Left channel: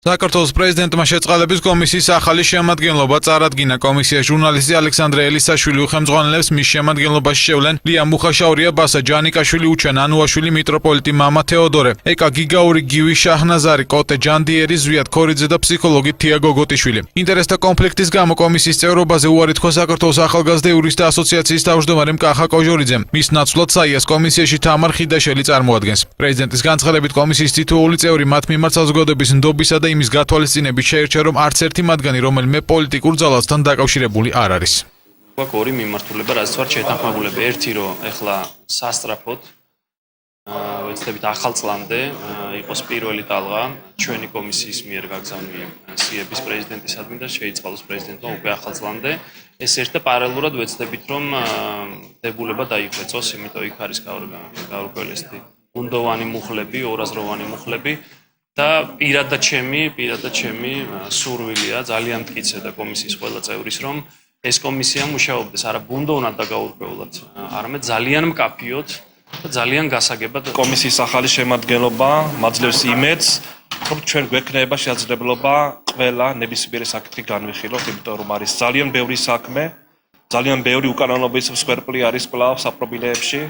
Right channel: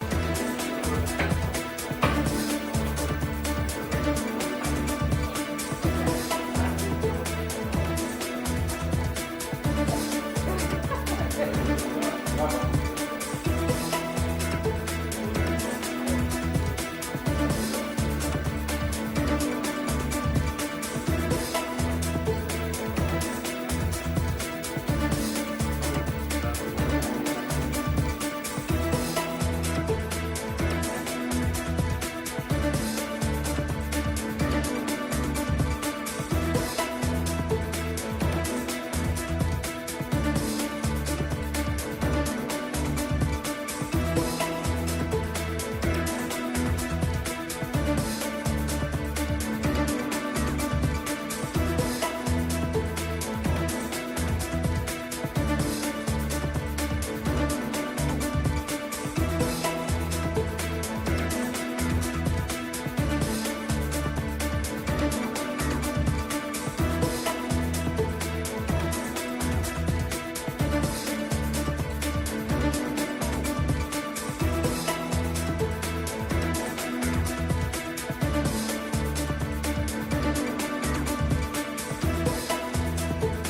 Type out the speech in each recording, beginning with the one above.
საქართველოს პრეზიდენტმა შეწყალების კომისიის ახალი შემადგენლობა წარადგინა. კომისია ჟურნალისტი ალექსანდრე ელისაშვილი უხელმძღვანელებს, მის შემადგენლობაში შევლენ ლია მუხაშაურია, ბასა ჯანიკაშვილი, უჩენ ანუაშვილი, მიტროპოლიტი მამა თეოდორე, ეკა გიგაური, გივი შაჰნაზარი, კოტე ჯანდიერი, ზვიად ქორიძე და ფსიქოლოგი თია გოგოტიშვილი. ინტერესთა კონფლიქტის გამო კომისიის წევრობაზე უარი თქვა საქართველოს ახალგაზრდა იურისტთა ასოციაციის თავმჯდომარე მკახა კოჟორიძემ. მის ნაცვლად საიას კომისიაში თამარ ხიდაშელი წარმოადგენს. პრეზიდენტის განცხადებით კომისიის თითოეული წევრი მათ მიმართ საზოგადოების ნდობისა და იმის გათვალისწინებით შეირჩა, რომ არც ერთი მათგანი რომელიმე პოლიტიკურ ძალასთან დაკავშირებული არ არის. გვაქვს ორი მიმართულება, რაც ვარ შეთანხმებულები. ერთი, რომ ეხლა სასტრაფოდ ვეცდებით ახალ წლამდე იყოს პირველი ტალღა ჩვენი კომისიის მიერ გაგზავნილი სიების პრეზიდენტისადმი და შეიწყალოს პრეზიდენტმა უკვე ახალ წლამდე. ეს ერთ და პარალელურად ვეცდებით, რომ დებულება დაიხვეწოს, იმიტომ იქ არის გაურკვევლესი გუნდოვანი მუხლები, ორაზროვანი მუხლები. და პირადად ჩემი სურვილია ძალიან მტკიცე და კომისიის ყველა წევრის, რომ ეს კომისია მუშაობდეს არა გუნდოვნად და გაურკვევლად, არამედ ძალიან მკაფიოდ, ძალიან გასაგებად. კომისიის ახალი შემადგენლობა მაძლევს იმედს, რომ ჩვენ გვექნება შესაძლებლობა ყველა ნებისმიერი საკითხი განვიხილოთ, იმიტომ რომ არის ძალიან ბევრი საქმე, ძალიან ბევრი უკანონობის მსხვერპლი არის კვლავ საპრობილეებში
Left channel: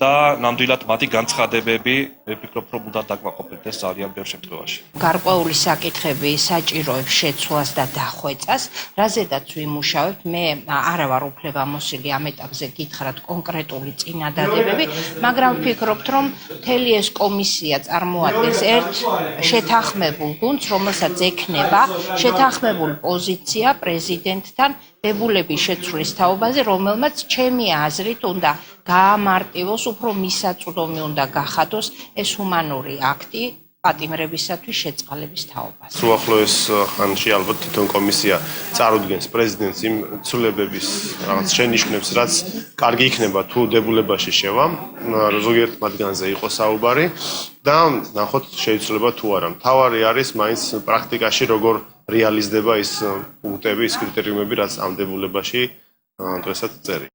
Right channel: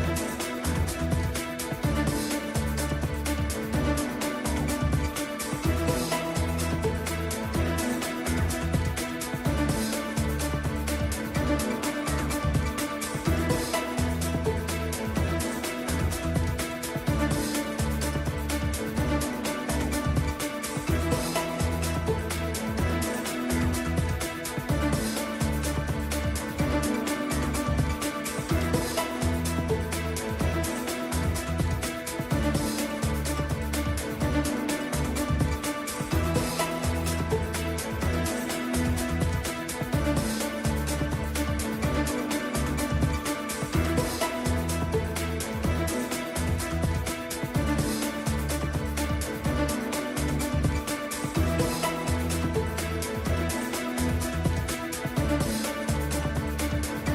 და ნამდვილად მათი განცხადებები ვფიქრობ, რომ უნდა დაგვაყოფილდეს ძალიან ბევრ შემთხვევაში. გარკვეული საკითხები საჭიროებს შეცვლას და დახვეწას, რაზედაც ვიმუშავებთ. მე არა ვარ უფლებამოსილი ამ ეტაპზე გითხრათ კონკრეტული წინადადებები, მაგრამ ვფიქრობთ, რომ მთელი ეს კომისია წარმოადგენს ერთ შეთანხმებულ გუნდს, რომელსაც ექნება შეთანხმებული პოზიცია პრეზიდენტთან დებულების შეცვლის თაობაზე, რომელმაც ჩემი აზრით უნდა გაამარტივოს, უფრო მისაწვდომი უნდა გახადოს ეს ჰუმანური აქტი პატიმრებისათვის შეწყალების თაობას. უახლოეს ხანში ალბათ თვითონ კომისია წარუდგენს პრეზიდენტს იმ ცვლილებების რაღაც შენიშვნებს, რაც კარგი იქნება თუ დებულებაში შევა, ზოგიერთ მათგანზე იყოს საუბარი და ნახოთ შეიცვლება თუ არა. მთავარი არის მაინც პრაქტიკაში როგორ რეალიზდება ის პუნქტები, ის კრიტერიუმები, რაც ამ დებულებაში დღესაც წერია.